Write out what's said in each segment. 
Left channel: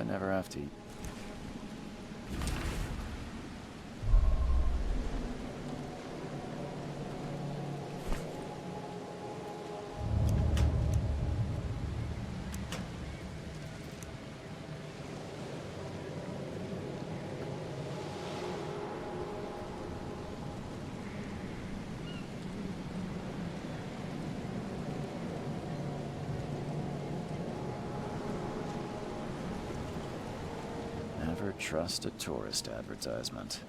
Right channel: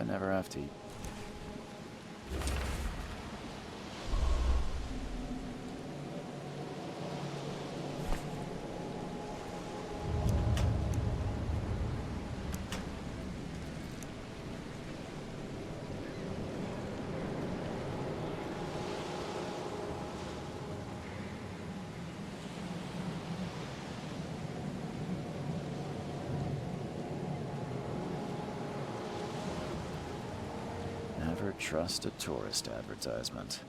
I never have to eat. Never trust a tourist advertisement.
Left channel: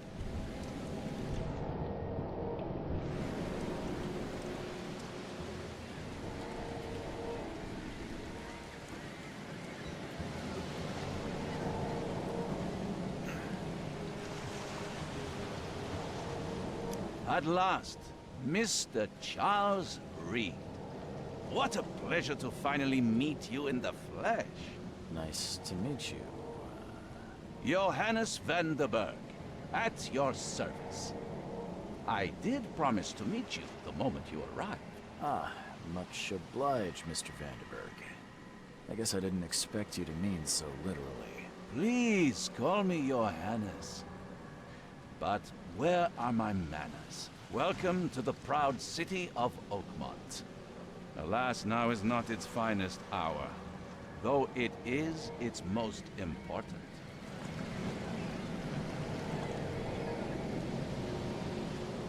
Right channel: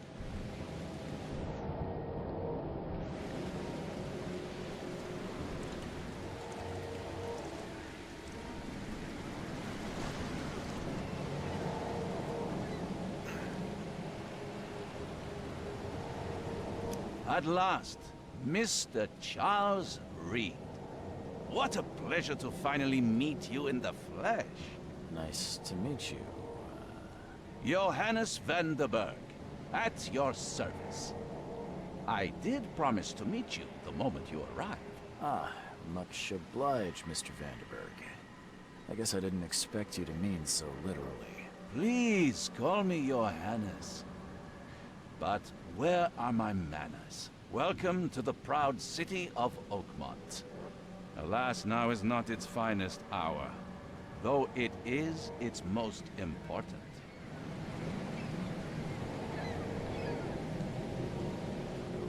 At last, Mr. Charles Reed. What a pleasure to finally meet you in the flesh. Nice to meet you. Johannes van der Berg, at your service. I did promise to meet you the moment you arrived. Ah, much obliged, Mr. Vanderberg. I guess I didn't expect you to mean so literally. Please call me Johannes. But where are my manners? Welcome to the proud city of Oakmont. Alas, now is not its finest hour, though it is its most important.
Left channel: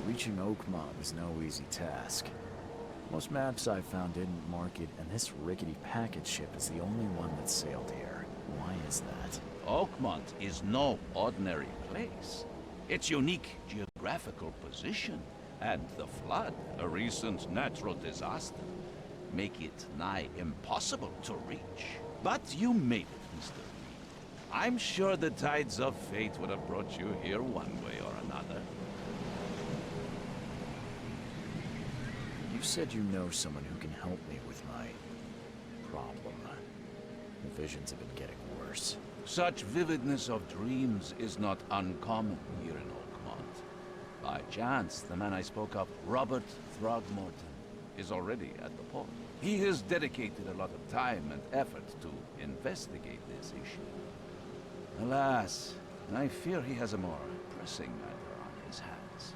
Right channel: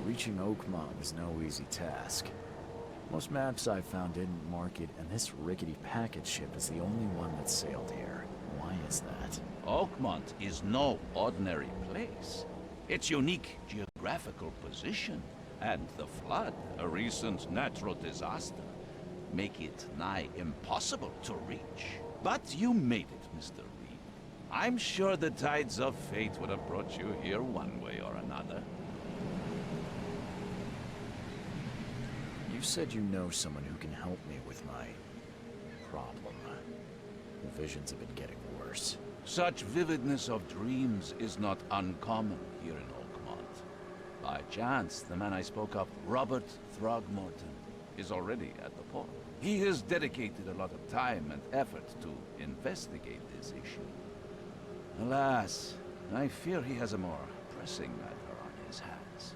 Reaching Oakmont was no easy task. Most maps I've found didn't mark it, and this rickety packet ship is the only one that sailed here. Why is that? Oakmont is no ordinary place. Its unique geographical position and the flood, a recent natural disaster, make it nigh impossible to reach. But you made it, Mr. Reed. I'm sure the tides of fate would have brought you here one way or another. You said you know someone who can help me with my problem. The visions have been getting worse. Such vividness of dreams is not uncommon here in Oakmont. By chance, the man I spoke of, Robert Throgmorton, is already at the port. He has dedicated a lot of time and effort to investigate this issue. Alas, I fear he has a more pressing matter on his hands.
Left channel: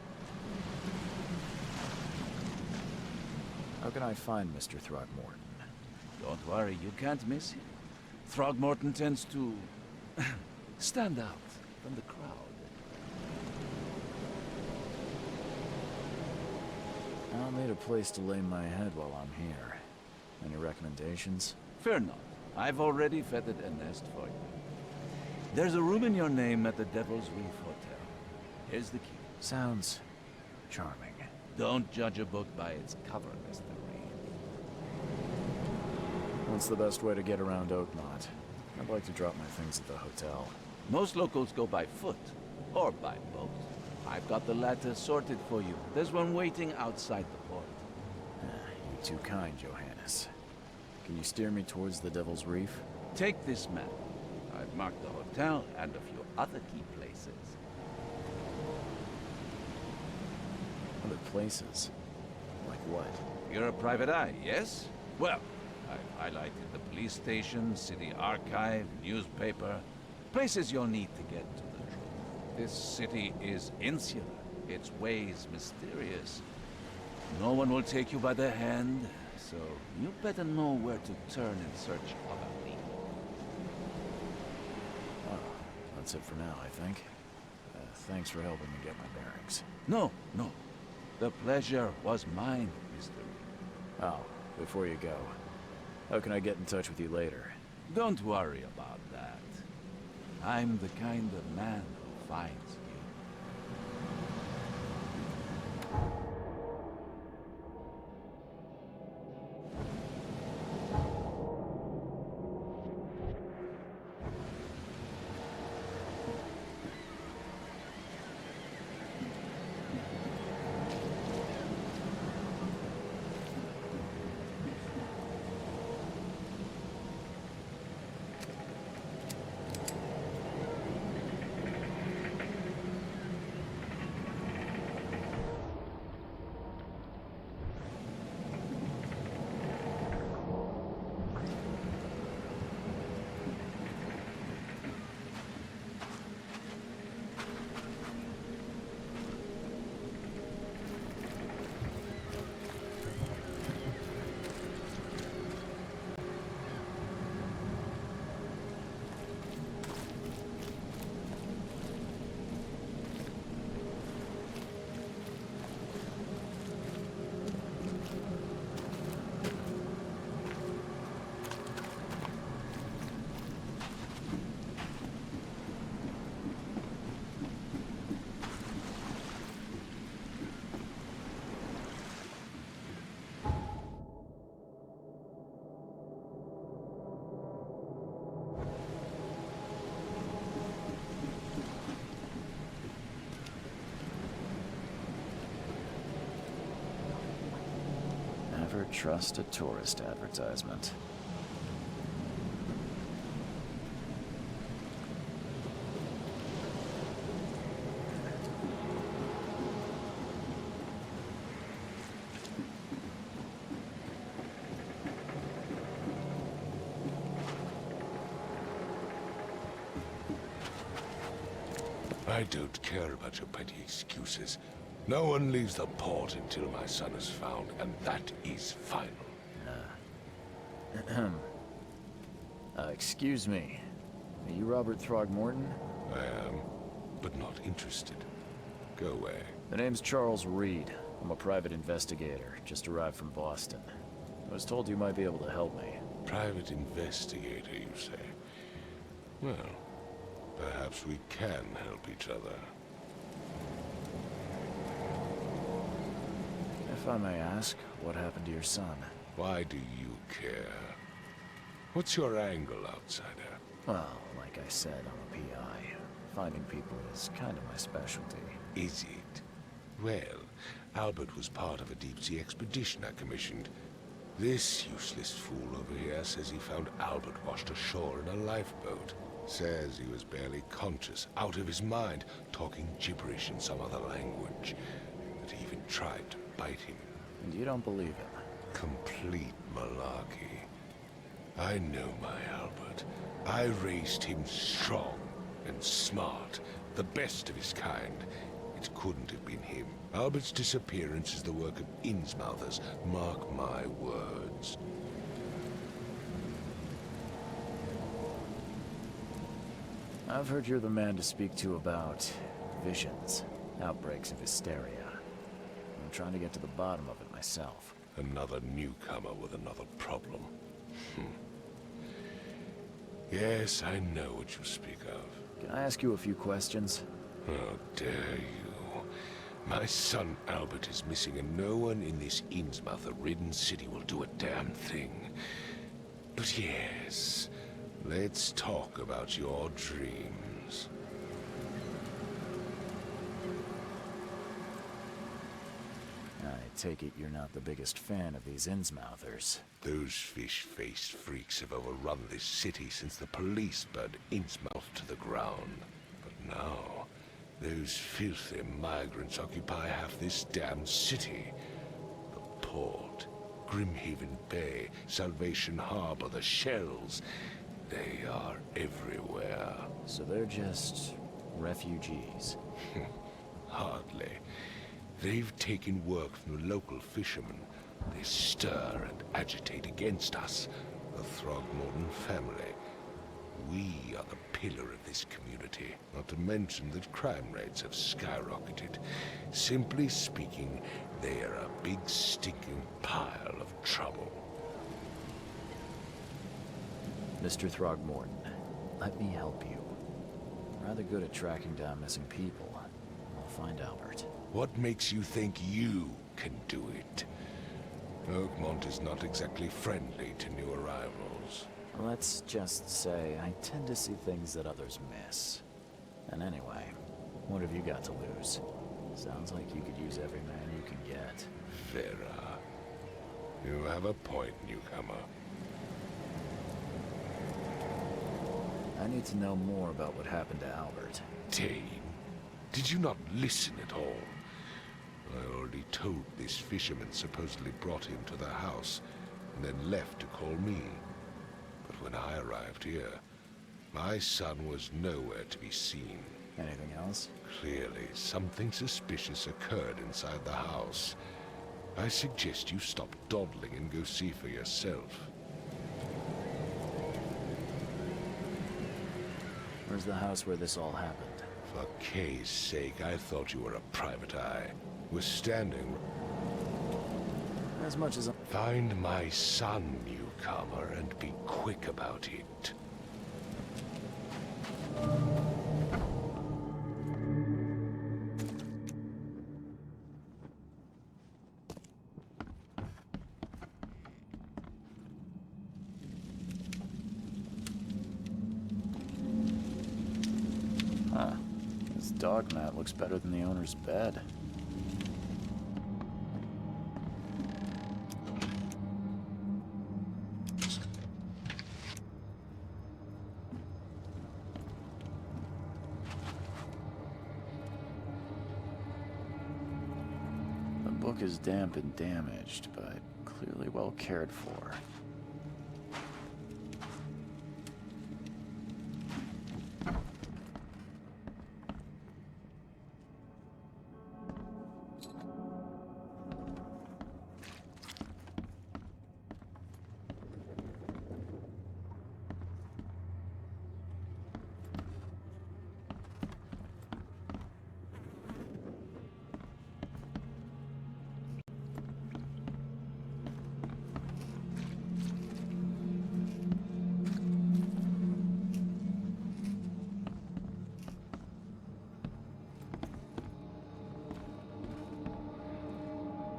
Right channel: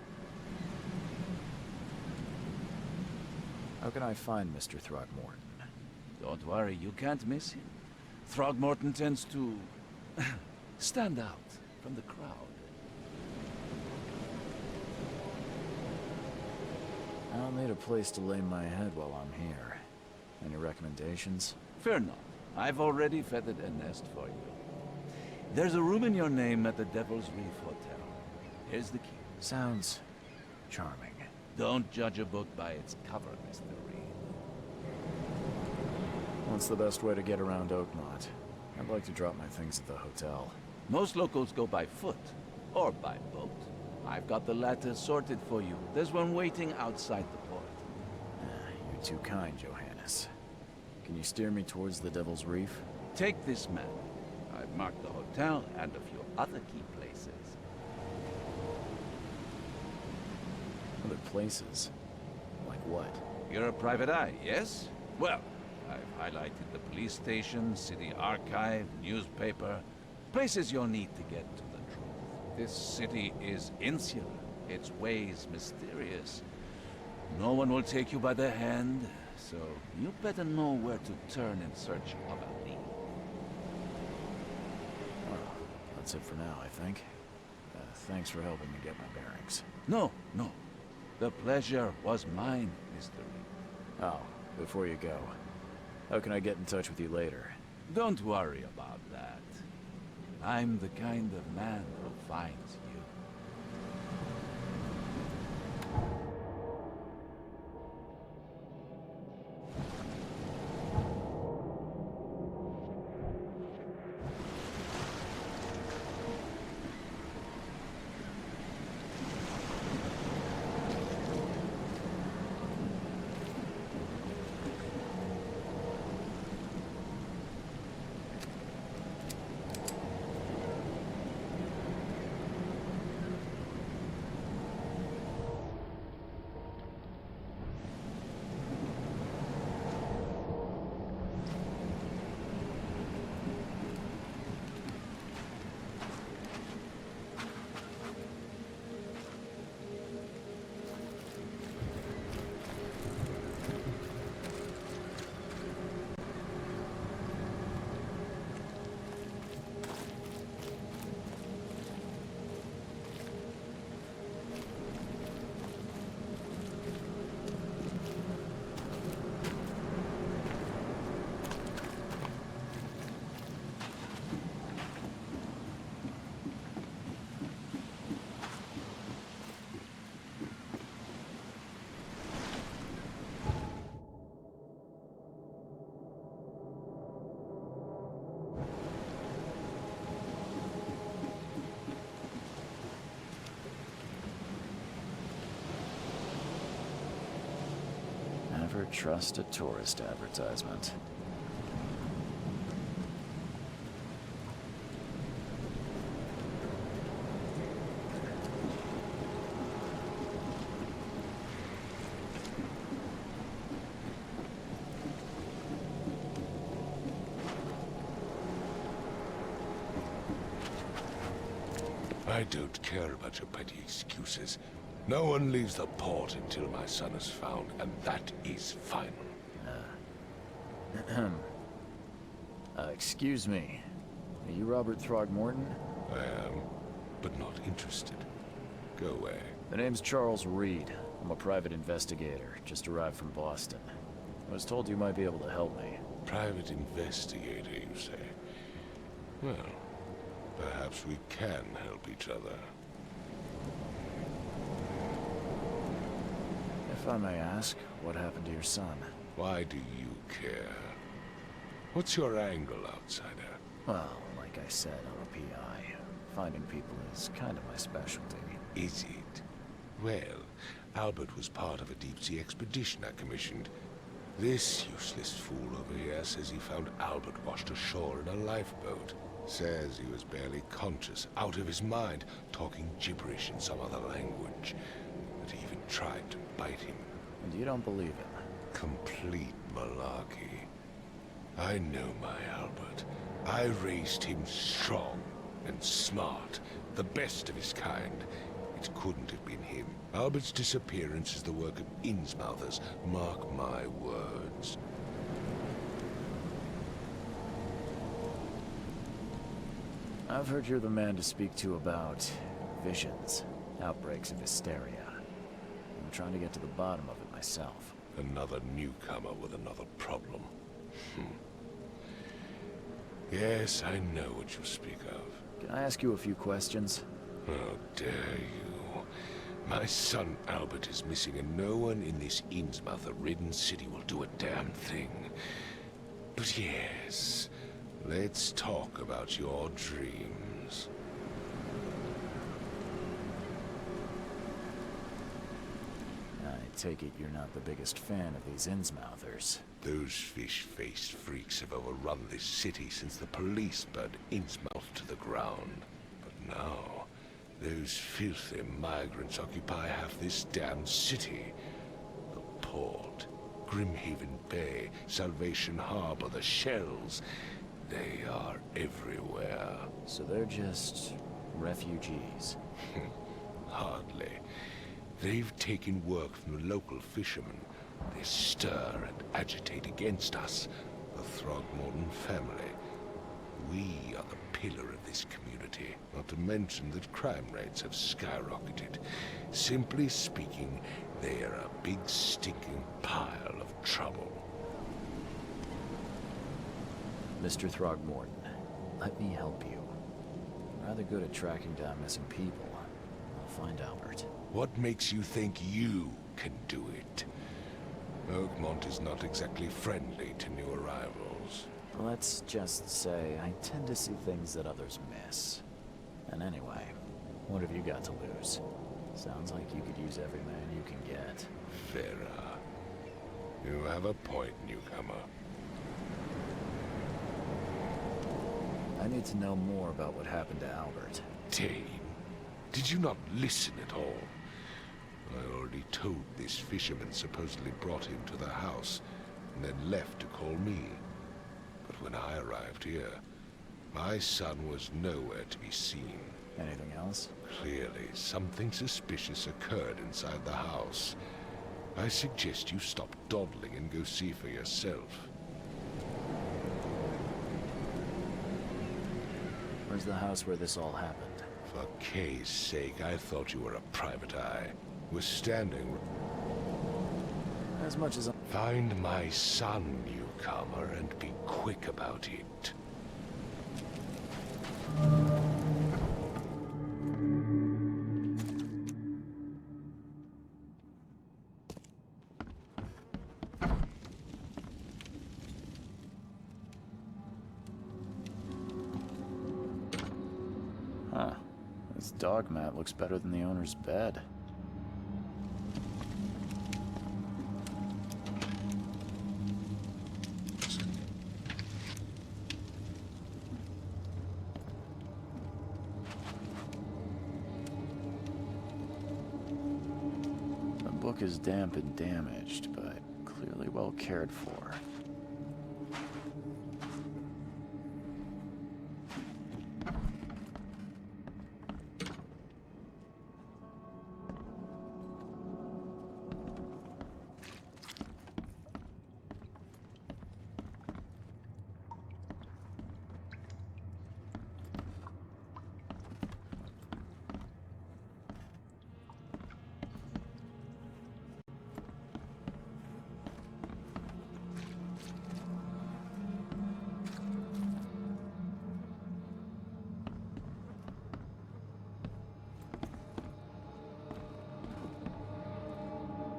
How can I find Mr. Throgmorton? Don't worry, you can't miss him. Throgmorton tends to stand out from the crowd. I'll need a place to lay my head while I'm here. Any recommendations? Fear not. I've already feathered a nest for you. There's a room in your name at the Devil's Reef Hotel. Here's the key. Sounds charming. Don't judge a book by its cover, Mr. Reed. What's the best way to get around Oakmont? I'd like to drop my things at the hotel. Most locals go by foot, or by boat. I've got the latter sorted for you. There's one waiting outside the port. You're too kind, Johannes. Can you steer me towards the Devil's Reef? Take this map. I've marked the hotel and a few other key places. Other places? Like what? You're a private eye, yes? Well, I've highlighted the police station, city archive, newspaper, places you'll need to get to the truth. This city is insular, its ways mysterious. No one will take you by the hand, so you better know where to turn in search of a lead. Well, that's it for now, I think. Thanks for helping me get my bearings. No. The pleasure was mine, Mr. Reed. Oh, before you go, how can I get in touch with you later? Don't worry about that. I'm the kind of man who finds you. Never trust a tourist advertisement. I don't care about your petty excuses. No one leaves the port until my son is found, and that is final. Excuse me. Are you Robert Throgmorton? I am, but not interested. Go away. The name's Charles Reed. I'm a private investigator, just arrived from Boston. I was told you might be able to help me. Private investigator, you say? Well, perhaps we can help each other. If I may ask, what happened to your son? Why do you care? What's your angle, outsider? Well, like I said, I'm a PI. Finding people is kind of my specialty. Is it? Well, Albert was part of a deep-sea expedition I commissioned. This useless fool over here says he found Albert washed ashore in a lifeboat. Says he was barely conscious, out of his mind, talking gibberish in some other language. That he even tried to bite him. And you don't believe him? Complete malarkey. I know my Albert. I raised him strong and smart, the best of his kind. It couldn't have been him. Albert's disappearance is the work of Innsmouthers, mark my words. I've heard you're the man to speak to about visions, outbreaks of hysteria. I'm trying to get to the bottom of it myself. Another newcomer with another problem. Yes, I know what you speak of. Can I ask you a few questions? How dare you? My son Albert is missing, and no one in this Innsmouther-ridden city will do a damn thing. But yes, let's talk about your dreams. I take it you're not the biggest fan of these Innsmouthers. Those fish-faced freaks have overrun this city since the police burned Innsmouth to the ground. But now, those filthy migrants occupy half this damn city. The port, Grimhaven Bay, Salvation Harbor, the shells, they are everywhere. So they're just refugees. Hardly. They've taken work from the local fishermen. They stir and agitate against us, the Throgmorton family. We are the pillar of this community, not to mention that crime rates have skyrocketed. Simply speaking, they are a big stinking pile of trouble. Mr. Throgmorton, let me help you. I'm rather good at tracking down missing people. I'll find Albert. What makes you think you can do it? Oakmont is not exactly friendly to new arrivals. Let's just say I tend to see things that others miss. And anyway, what have you got to lose? Sounds like you could use every man you can get. Vera, you have a point, newcomer. I need to know more about what happened to Albert. Dane, did you not listen at all? I already told this fisherman supposedly brought him to the house, and then left to call me. But when I arrived here, my son was nowhere to be seen. Anything else? Clearly, something suspicious occurred inside the house. I suggest you stop dawdling and go see for yourself. Where's the house where this all happened? For Kay's sake, I thought you were a private eye. We're standing... As much as Find my son, newcomer, and be quick about it. Huh. This dog mat looks better than the owner's bed. The book is damp and damaged, but clearly well cared for.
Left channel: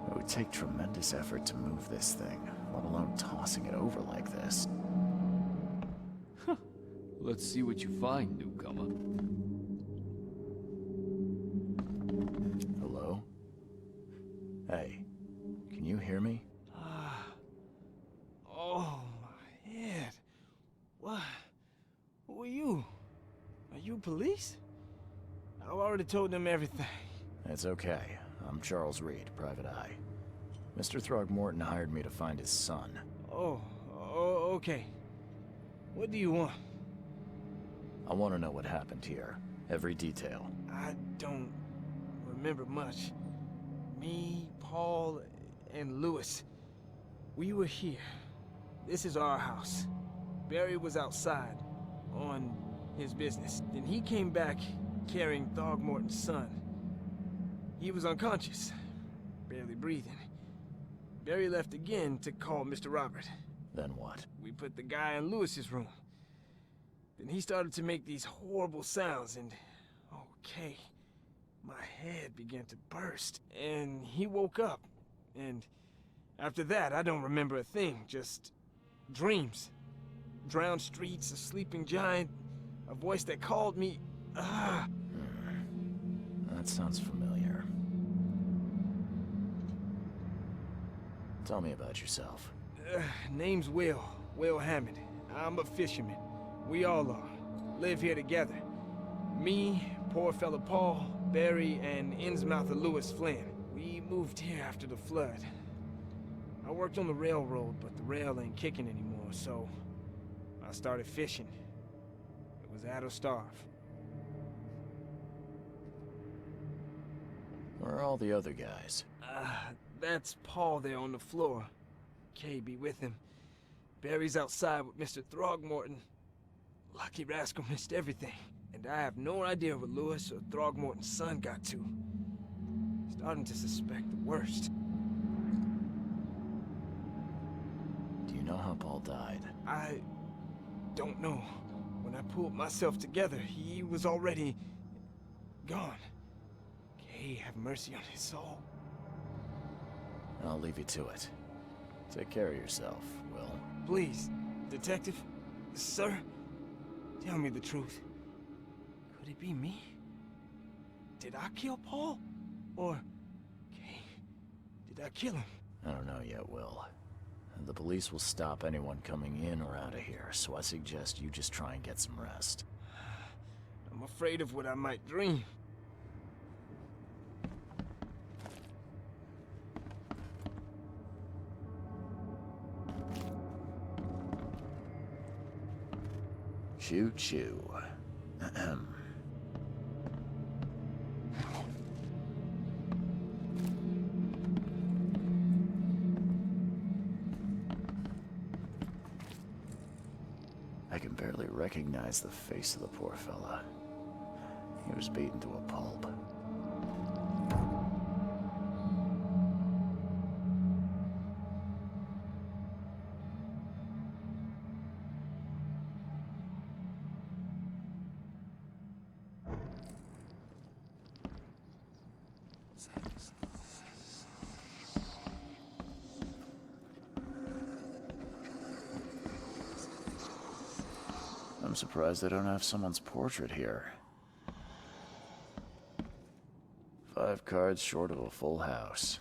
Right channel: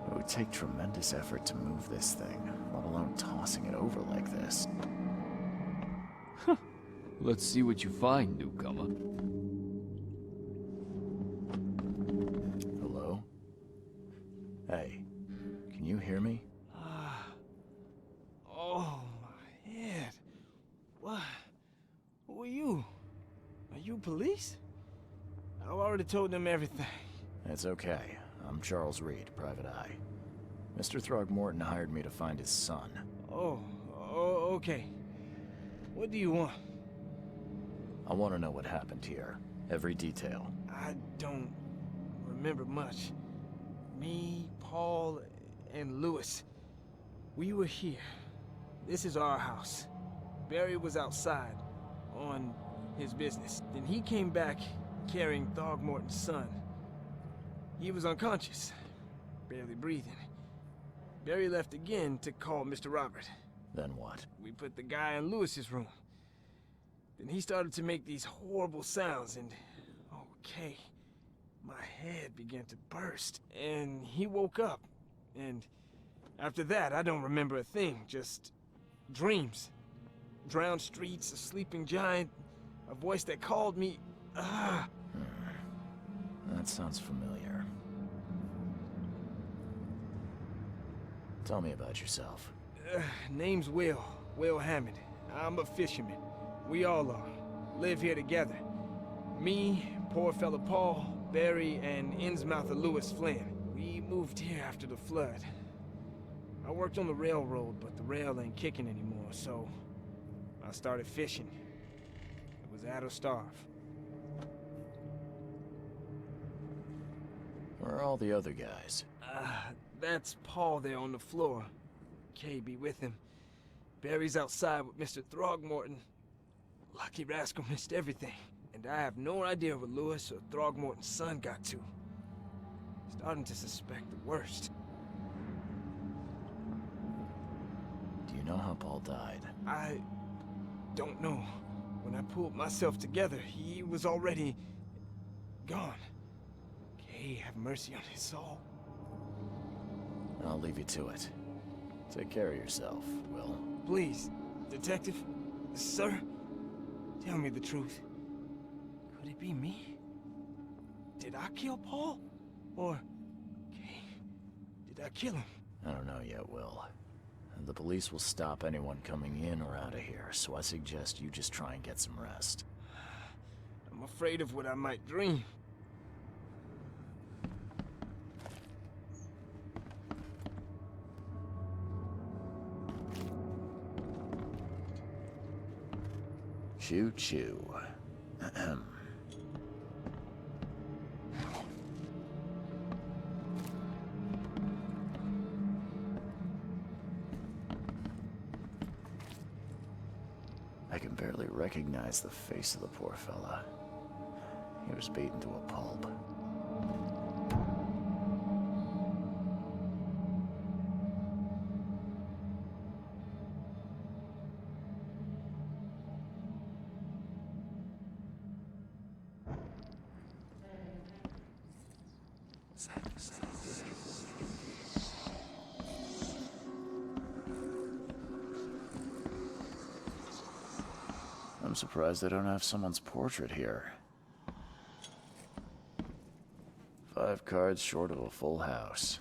It would take tremendous effort to move this thing, let alone tossing it over like this. Let's see what you find, newcomer. Hello? Hey, can you hear me? Oh, my head. What? Who are you? Are you police? I've already told them everything. It's okay. I'm Charles Reed, Private Eye. Mr. Throgmorton hired me to find his son. Oh, okay. What do you want? I want to know what happened here. Every detail. I don't remember much. Me, Paul, and Lewis. We were here. This is our house. Barry was outside, on his business. Then he came back carrying Throgmorton's son. He was unconscious, barely breathing. Barry left again to call Mr. Robert. Then what? We put the guy in Lewis's room. Then he started to make these horrible sounds and... okay. My head began to burst. And he woke up. And after that, I don't remember a thing. Just dreams. Drowned streets, a sleeping giant, a voice that called me... That sounds familiar. Tell me about yourself. Name's Will Hammond. I'm a fisherman. We all are. Live here together. Me, poor fella Paul, Barry, and Innsmouther Lewis Flynn. We moved here after the flood. I worked on the railroad, but the rail ain't kicking anymore, so I started fishing. It was add or starve. Where are all the other guys? That's Paul there on the floor. Kay be with him. Barry's outside with Mr. Throgmorton. Lucky rascal missed everything. And I have no idea where Lewis or Throgmorton's son got to. Starting to suspect the worst. Do you know how Paul died? I don't know. When I pulled myself together, he was already gone. Kay have mercy on his soul. I'll leave you to it. Take care of yourself, Will. Please, Detective, sir, tell me the truth. Could it be me? Did I kill Paul? Or, Kay, did I kill him? I don't know yet, Will. The police will stop anyone coming in or out of here, so I suggest you just try and get some rest. I'm afraid of what I might dream. Choo-choo. Ahem. I can barely recognize the face of the poor fella. He was beaten to a pulp. I'm surprised they don't have someone's portrait here. 5 cards short of a full house.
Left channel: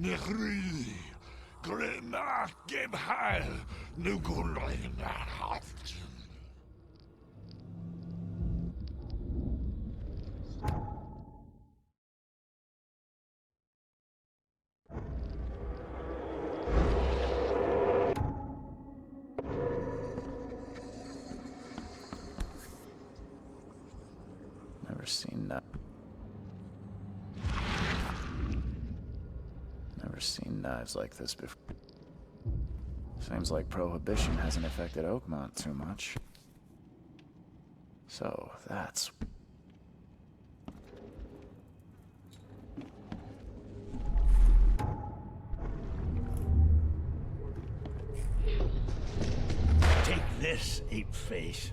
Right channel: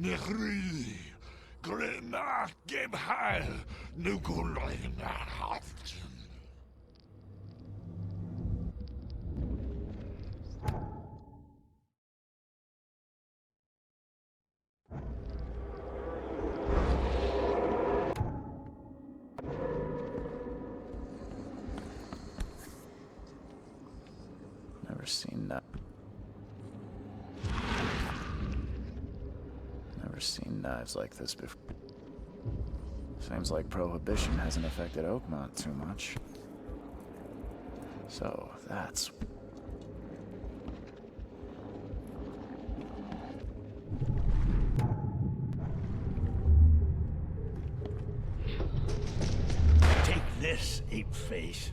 Nechri, Grena, gib heil, Nukulina haft. Never seen that. Never seen knives like this before. Seems like Prohibition hasn't affected Oakmont too much. So, that's... Take this, ape-face.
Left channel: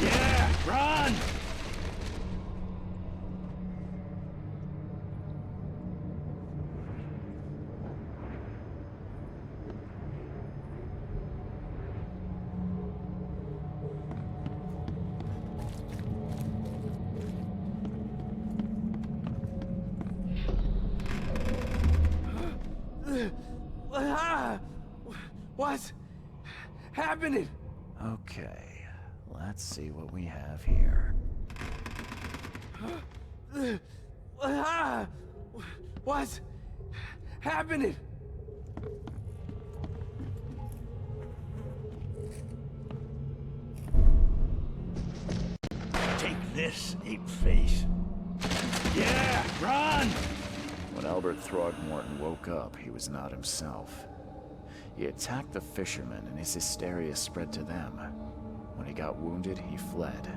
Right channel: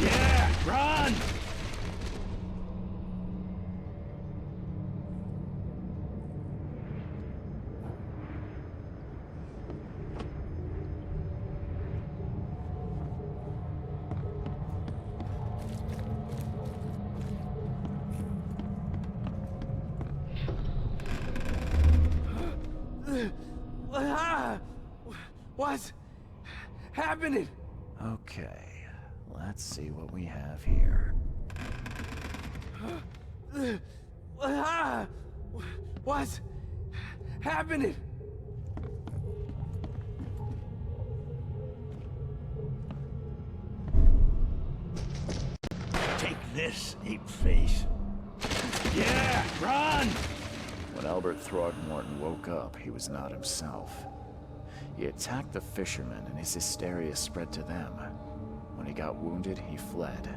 Yeah, run! What's happening? Okay, let's see what we have here. What's happening? Take this, ape-face. Yeah, run! When Albert Throgmorton woke up, he was not himself. He attacked the fishermen, and his hysteria spread to them. When he got wounded, he fled.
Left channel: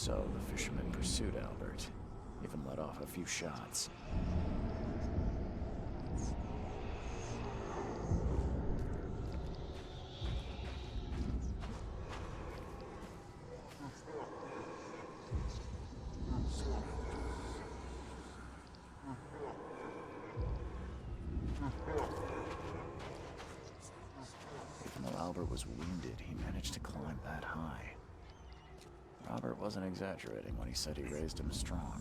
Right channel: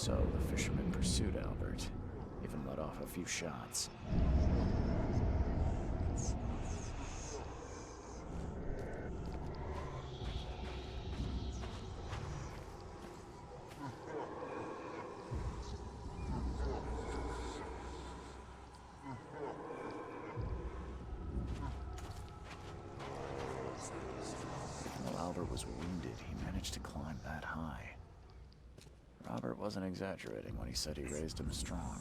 So the fisherman pursued Albert, even let off a few shots. Even though Albert was wounded, he managed to climb that high. Robert wasn't exaggerating when he said he raised him strong.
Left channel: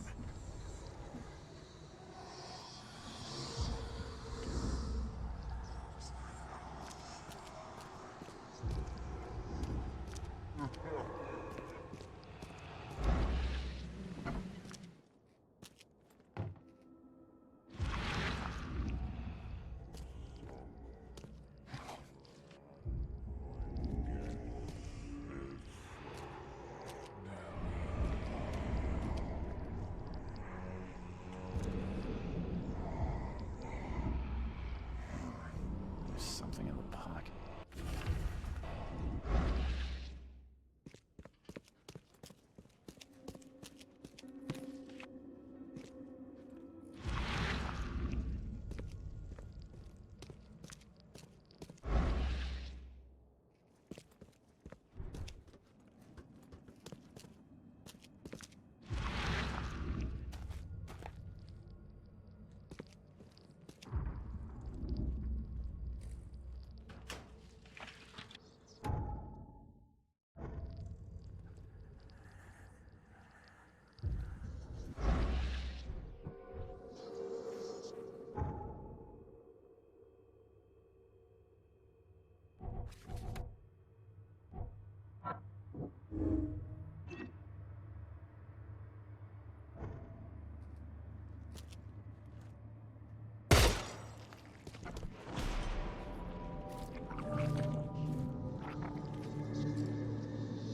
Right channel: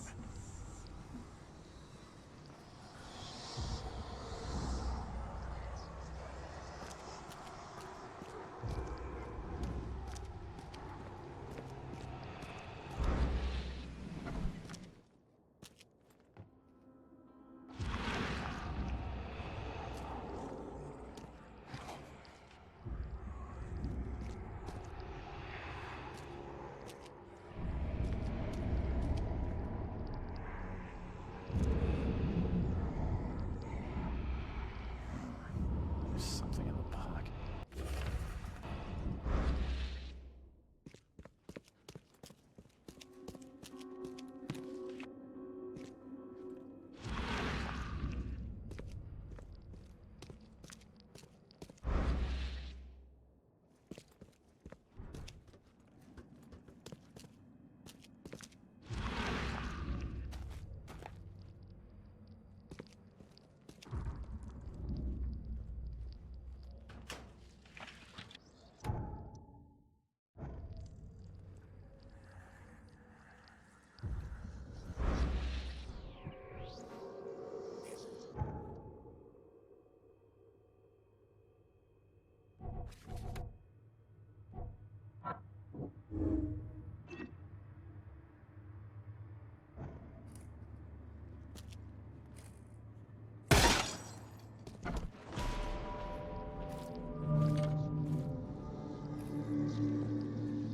There's something in the pocket.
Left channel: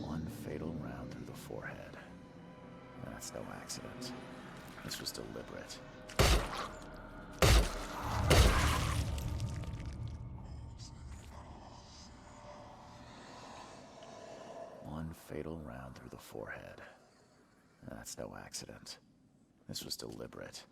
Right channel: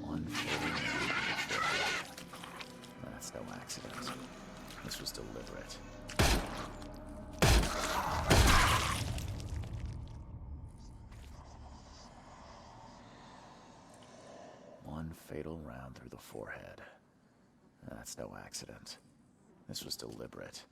One fatal wound to the forehead. That's no accident. This was deliberate. One fatal round through the forehead. That's no accident. This was deliberate.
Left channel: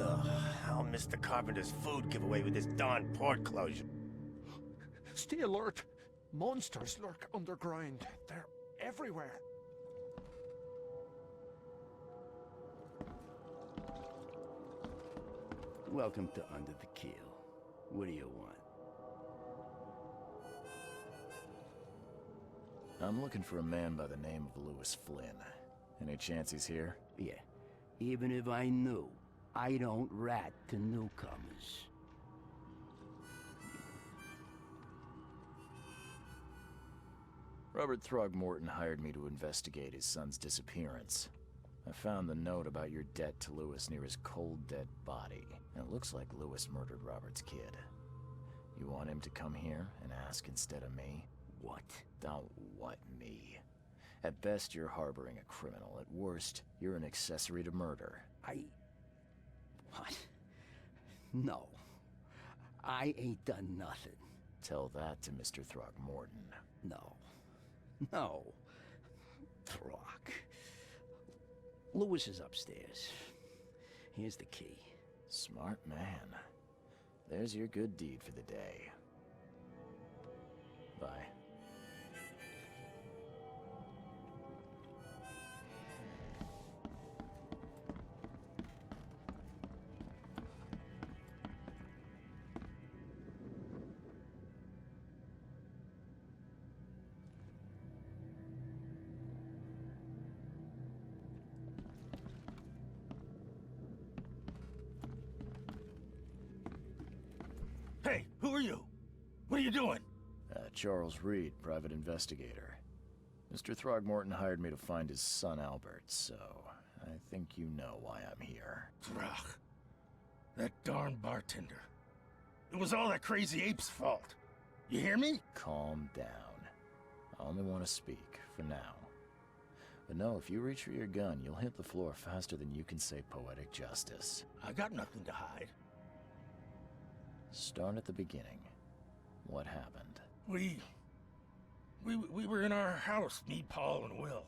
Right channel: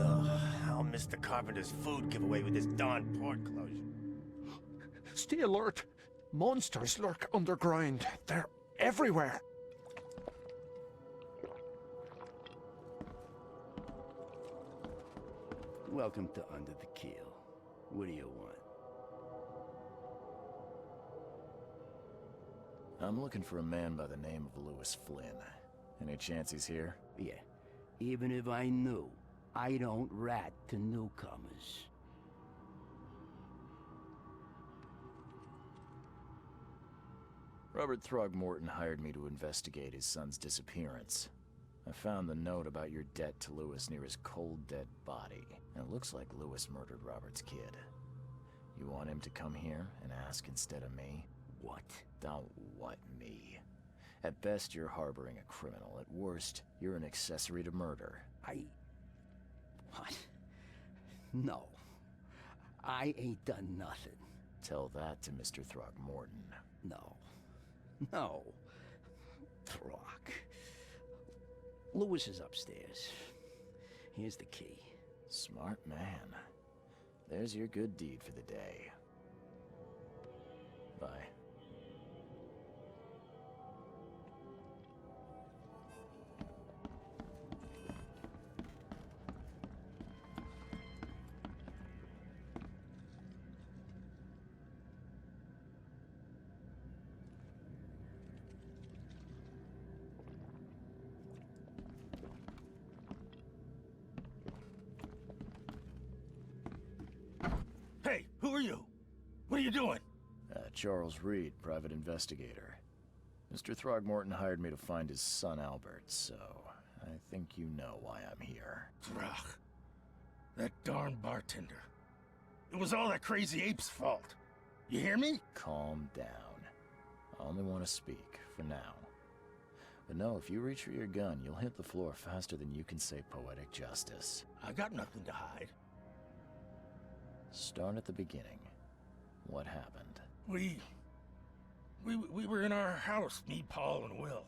Ugh, I'll miss the carpenter's food giveaway with this darn port closure. Stay alert. Monsters lurk underground. They're everywhere. Welcome to Under the Keel. What do you want? I'm looking for a man by the name of Lewis Flynn. Any chance he's here? Yeah. Even if I knew, I don't rat to newcomers. Robert Throgmorton hired me to investigate his son's disappearance. I found the note about your debt to Lewis near his cold, dead body. And it looks like Lewis murdered Robert's kid. You want him to come here and ask instead of me? What? Don't what me. At best, you're harboring a criminal. At worst, you're an accessory to murder. What? No. I ain't done nothing. Tell that to Mr. Throgmorton. No. No. Throg. Lewis is upstairs. Here's the key. Smart man. There's your good deed for the day. Bye. Hey, who are you? What are you doing? Charles Reed, private investigator. Mr. Throgmorton hired me to find his son Albert, so I think you know why I'm here. Throg. That darn bartender. It was all that crazy ape's fault. You hear me? Calm down. I only want to speak, for now. But no, if you reach for your gun, you'll hit the floor faster than you can say poetic justice. I got nothing to hide. Start at the beginning. What happened? We were in our house, me, Paul, and Will.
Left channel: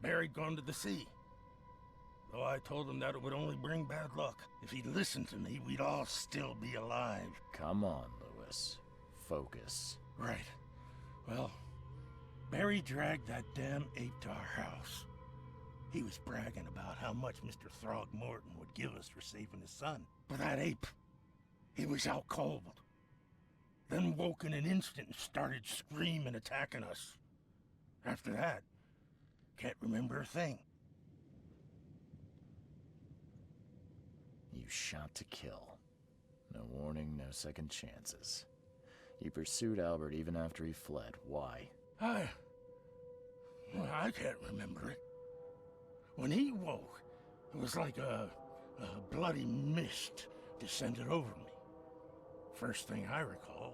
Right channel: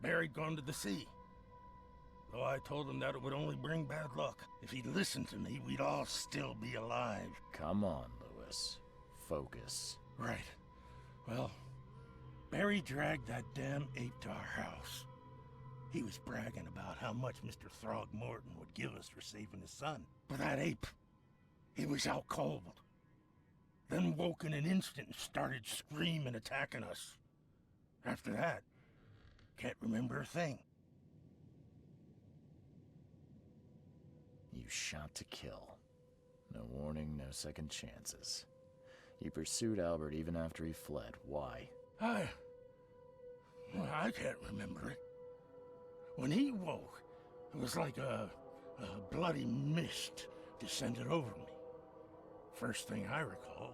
Barry'd gone to the sea. Though I told him that it would only bring bad luck. If he'd listened to me, we'd all still be alive. Come on, Lewis. Focus. Right. Well, Barry dragged that damn ape to our house. He was bragging about how much Mr. Throgmorton would give us for saving his son. But that ape, he was out cold. Then woke in an instant and started screaming, attacking us. After that, can't remember a thing. You shot to kill. No warning, no second chances. You pursued Albert even after he fled. Why? I can't remember it. When he woke, it was like a bloody mist descended over me. First thing I recall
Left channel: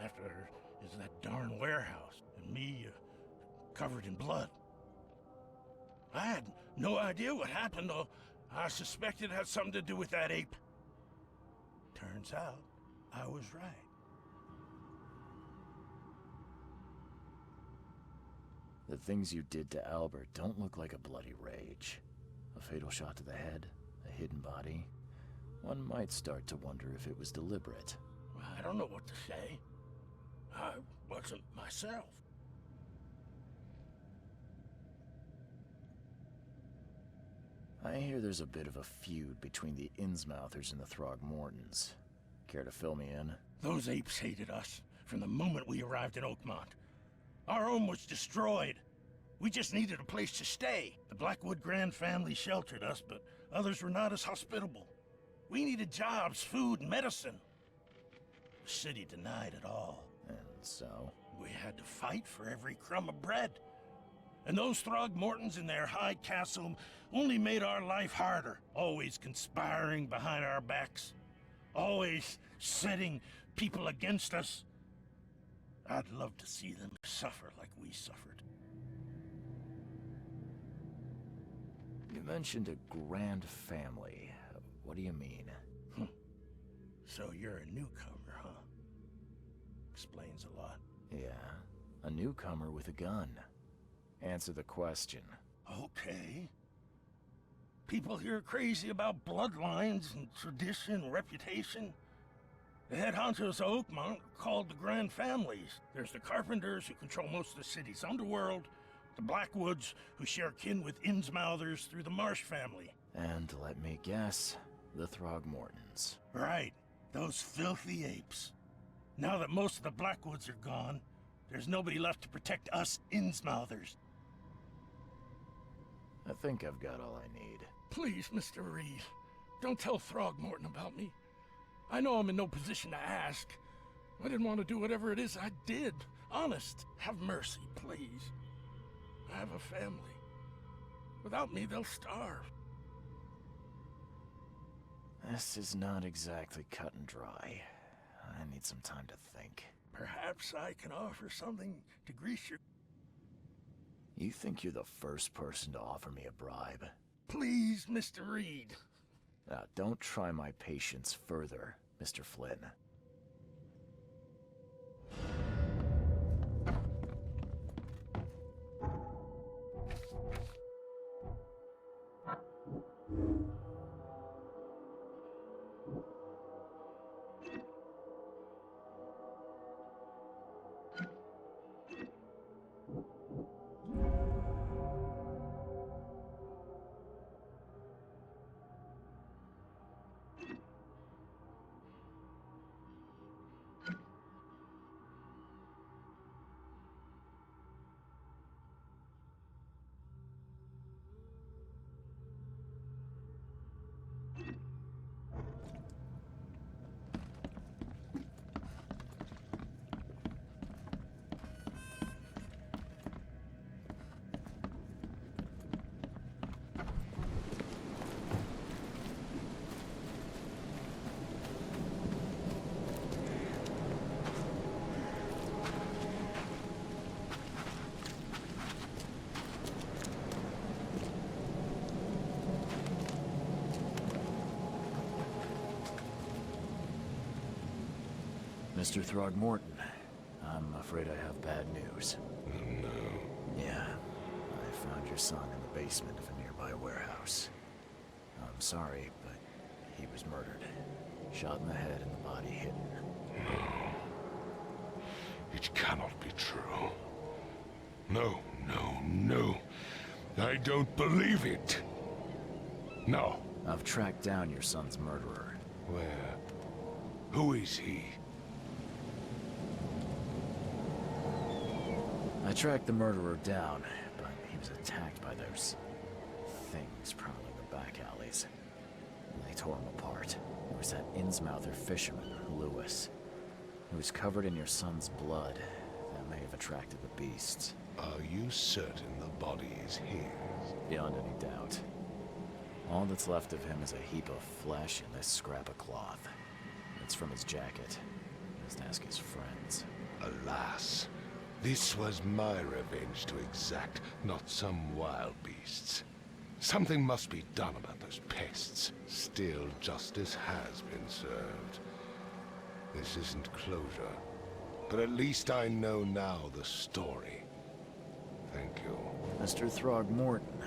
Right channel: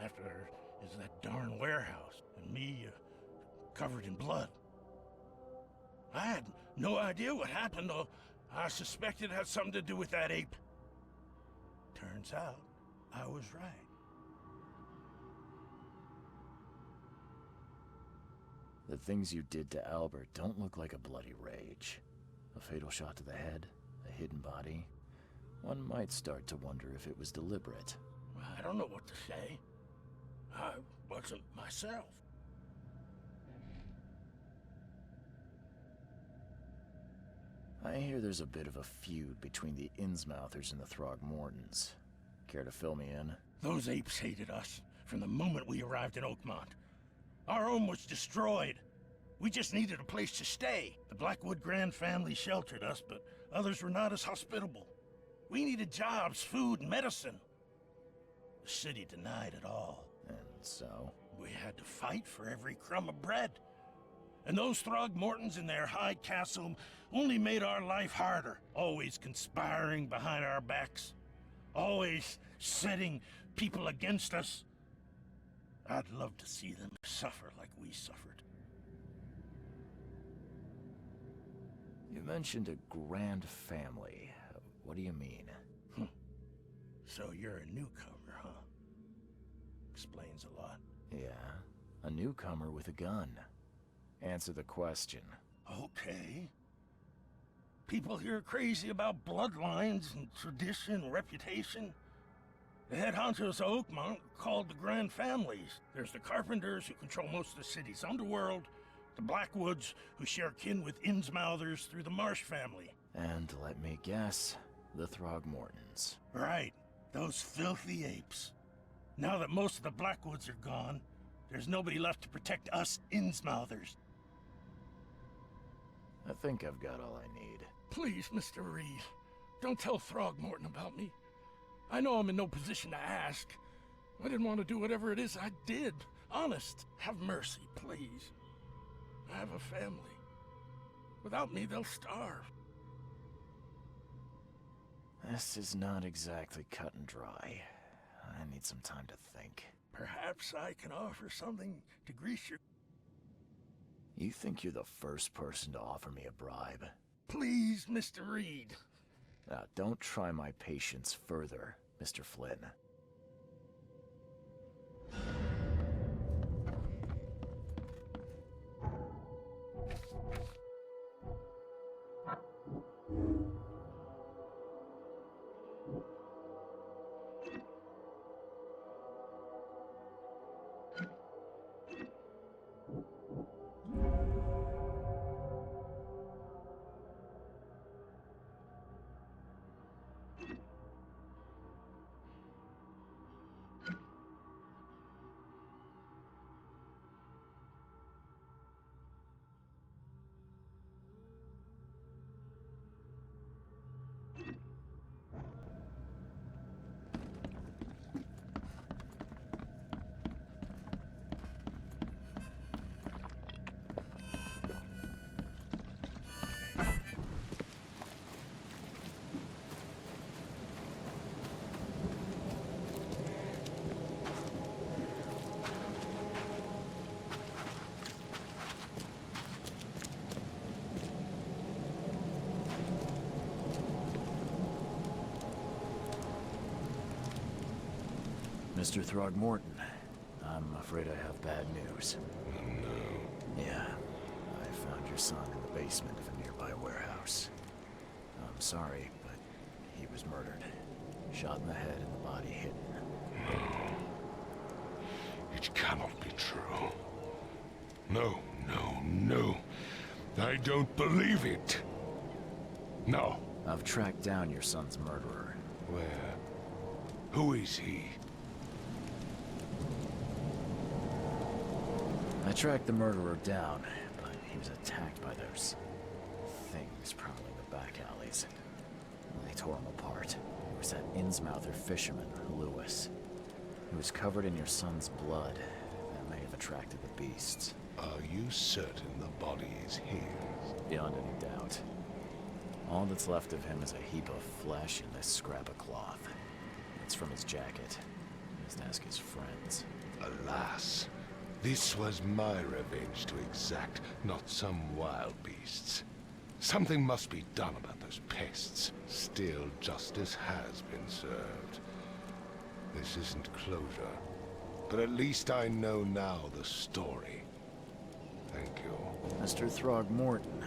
after is that darn warehouse and me covered in blood. I had no idea what happened, though I suspected it had something to do with that ape. Turns out, I was right. The things you did to Albert don't look like a bloody rage. A fatal shot to the head, a hidden body. One might start to wonder if it was deliberate. I don't know what to say. I wasn't myself. I hear there's a bit of a feud between the Innsmouthers and the Throgmortons. Care to fill me in? Those apes hated us from the moment we arrived in Oakmont. Our home was destroyed. We just needed a place to stay. The Blackwood Grand family sheltered us, but others were not as hospitable. We needed jobs, food, and medicine. The city denied it all. And so? We had to fight for every crumb of bread. And those Throgmortons in their high castle only made our life harder, always conspiring behind our backs, always setting people against us. I'd love to see them suffer like we suffered. You mentioned a grand family. What do you mean? So you're a newcomer, huh? Explains a lot. Yeah, a newcomer with a gun. Answer the question. Okay. People here are crazy about bloodlines and tradition and reputation. The head honchos of Oakmont are called the Grand Families. There's the Carpenters, who control most of the city's underworld, the Blackwoods, who share kin with Innsmouthers through the Marsh family. And let me guess, the Throgmortons. Right, those filthy apes. Now that most of the Blackwoods are gone, There's nobody left to protect us Innsmouthers. I think I've got all I need. Please, Mr. Reed, don't tell Throgmorton about me. I know I'm in no position to ask. I didn't want to do whatever it is I did. Honest, have mercy, please. I have a family. Without me, they'll starve. This is not exactly cut and dry. I need some time to think. Perhaps I can offer something to grease your... You think you're the first person to offer me a bribe? Please, Mr. Reed. Now, don't try my patience further, Mr. Flynn. Mr. Throgmorton, I'm afraid I have bad news. Oh, no. Yeah, I found your son in the basement of a nearby warehouse. I'm sorry, but he was murdered. Shot in the head and the body hidden. No. It cannot be true. No, no, no. I don't believe it. No. I've tracked down your son's murderer. Where? Who is he? I tracked the murderer down, but he was attacked by those things prowling the back alleys. They tore him apart. It was that Innsmouther fisherman, Lewis. He was covered in your son's blood. That may have attracted the beasts. Are you certain the body is his? Beyond any doubt. All that's left of him is a heap of flesh and this scrap of cloth. It's from his jacket. Just ask his friends. Alas. This was my revenge to exact, not some wild beasts. Something must be done about those pests. Still, justice has been served. This isn't closure, but at least I know now the story. Thank you. Mr. Throgmorton,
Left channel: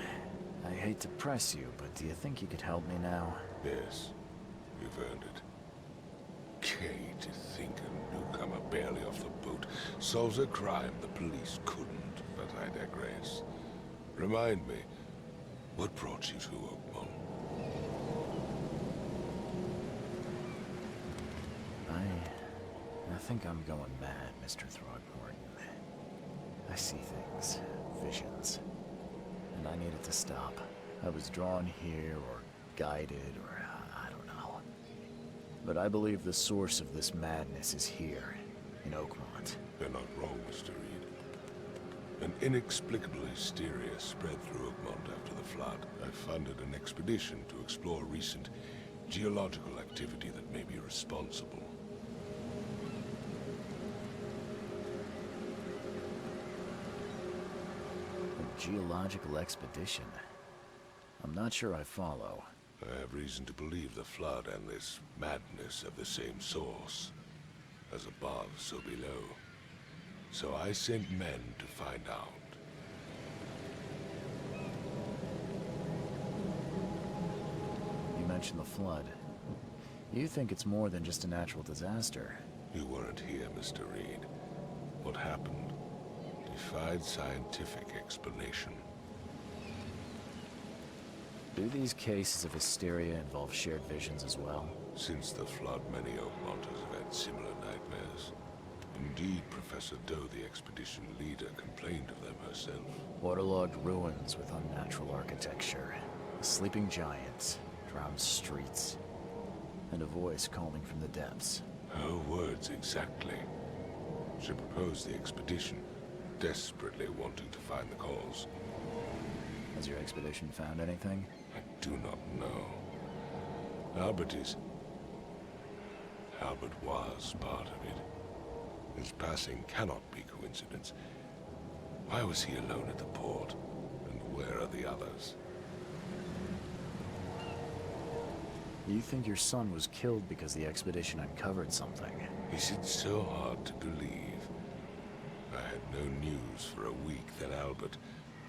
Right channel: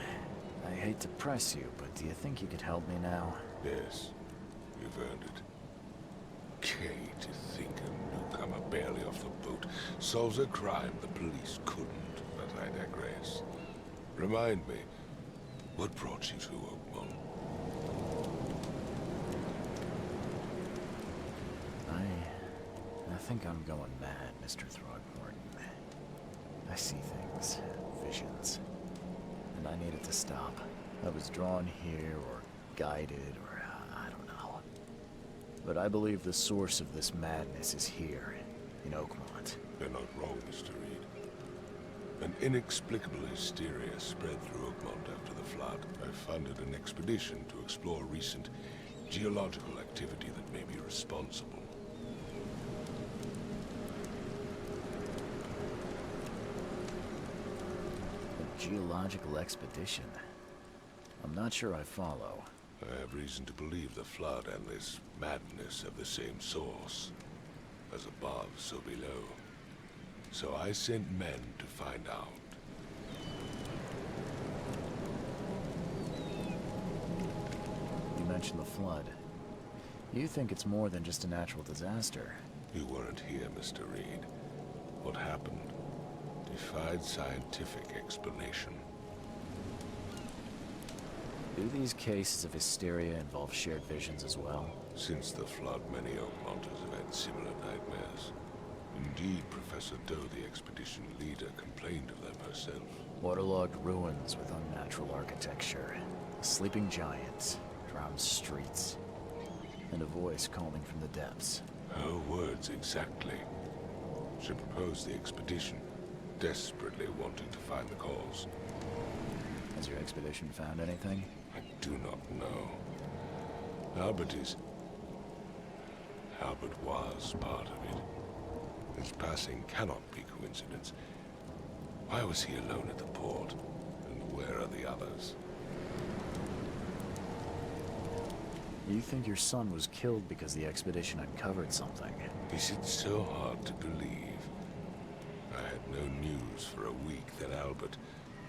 I hate to press you, but do you think you could help me now? Yes, you've earned it. Kay, to think a newcomer barely off the boat solves a crime the police couldn't, but I digress. Remind me, what brought you to Oakmont? I think I'm going mad, Mr. Throgmorton. I see things, visions, and I needed to stop. I was drawn here, or guided, or I don't know. But I believe the source of this madness is here, in Oakmont. You're not wrong, Mr. Reed. An inexplicable hysteria spread through Oakmont after the flood. I funded an expedition to explore recent geological activity that may be responsible. A geological expedition? I'm not sure I follow. I have reason to believe the flood and this madness have the same source. As above, so below. So I sent men to find out. You mentioned the flood. You think it's more than just a natural disaster. You weren't here, Mr. Reed. What happened defied scientific explanation. Do these cases of hysteria involve shared visions as well? Since the flood, many Oakmonters have had similar nightmares. In Indeed, Professor Doe, the expedition leader, complained of them herself. Waterlogged ruins with unnatural architecture, a sleeping giant, drowned streets, and a voice calling from the depths. Her words exactly. She proposed the expedition, desperately wanting to find the cause. Has your expedition found anything? I do not know. Albert was part of it. His passing cannot be coincidence. Why was he alone at the port? And where are the others? You think your son was killed because the expedition uncovered something? Is it so hard to believe? I had no news for a week, then Albert,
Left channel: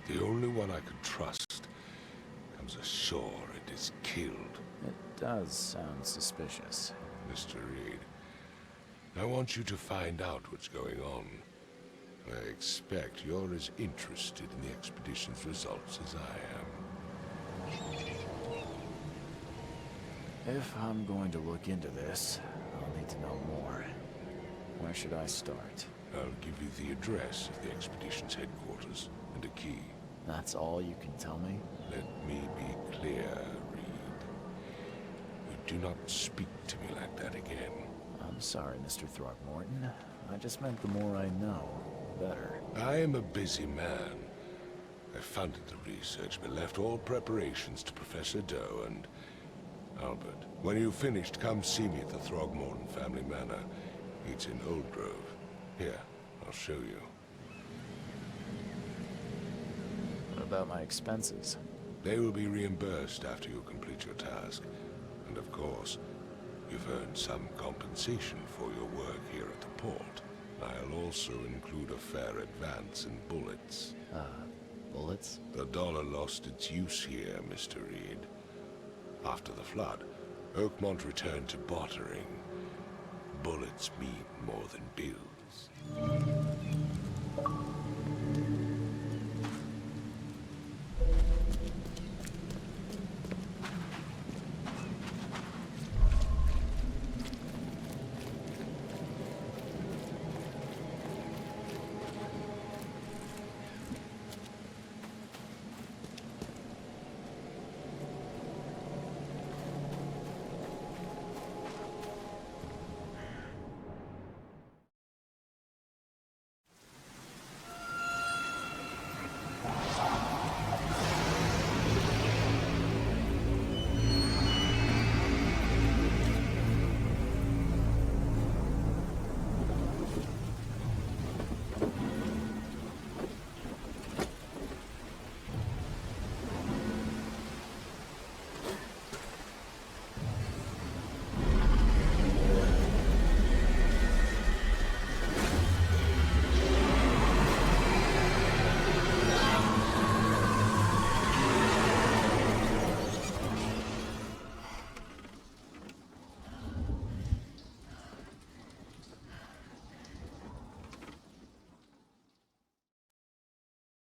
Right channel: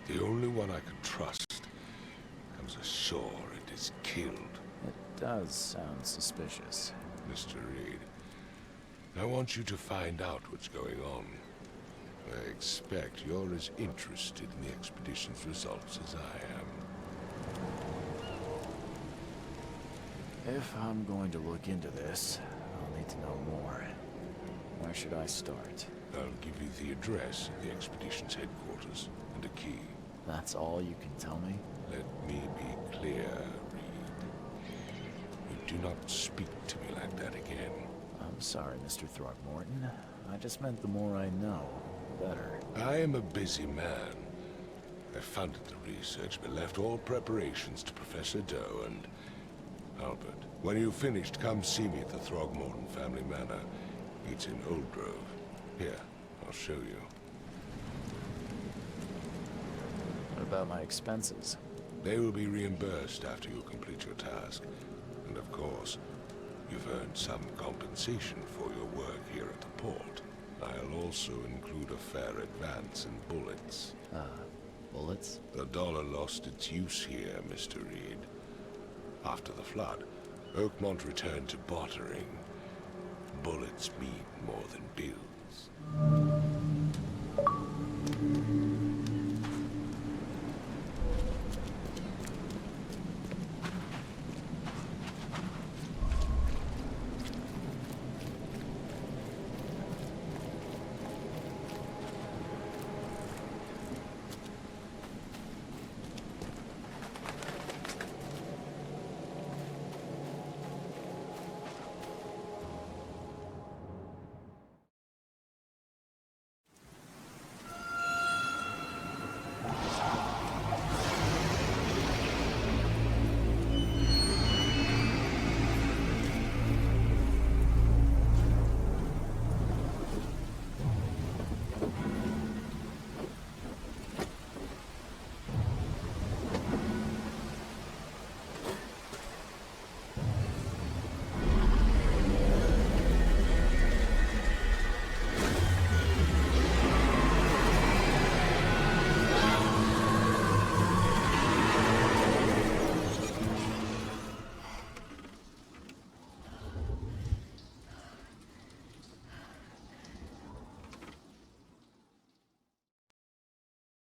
the only one I could trust, comes ashore and is killed. It does sound suspicious. Mr. Reed, I want you to find out what's going on. I expect you're as interested in the expedition's results as I am. If I'm going to look into this, I'll need to know more. Where should I start? I'll give you the address of the expedition's headquarters and a key. That's all you can tell me? Let me be clear, Reed. You do not speak to me like that again. I'm sorry, Mr. Throckmorton. I just meant the more I know, the better. I am a busy man. I funded the research, but left all preparations to Professor Doe and Albert. When you've finished, come see me at the Throgmorton family manor. It's in Old Grove. Here, I'll show you. What about my expenses? They will be reimbursed after you complete your task. And of course, you've earned some compensation for your work here at the port. I'll also include a fair advance in bullets. Bullets? The dollar lost its use here, Mr. Reed. After the flood, Oakmont returned to bartering. Bullets mean more than bills.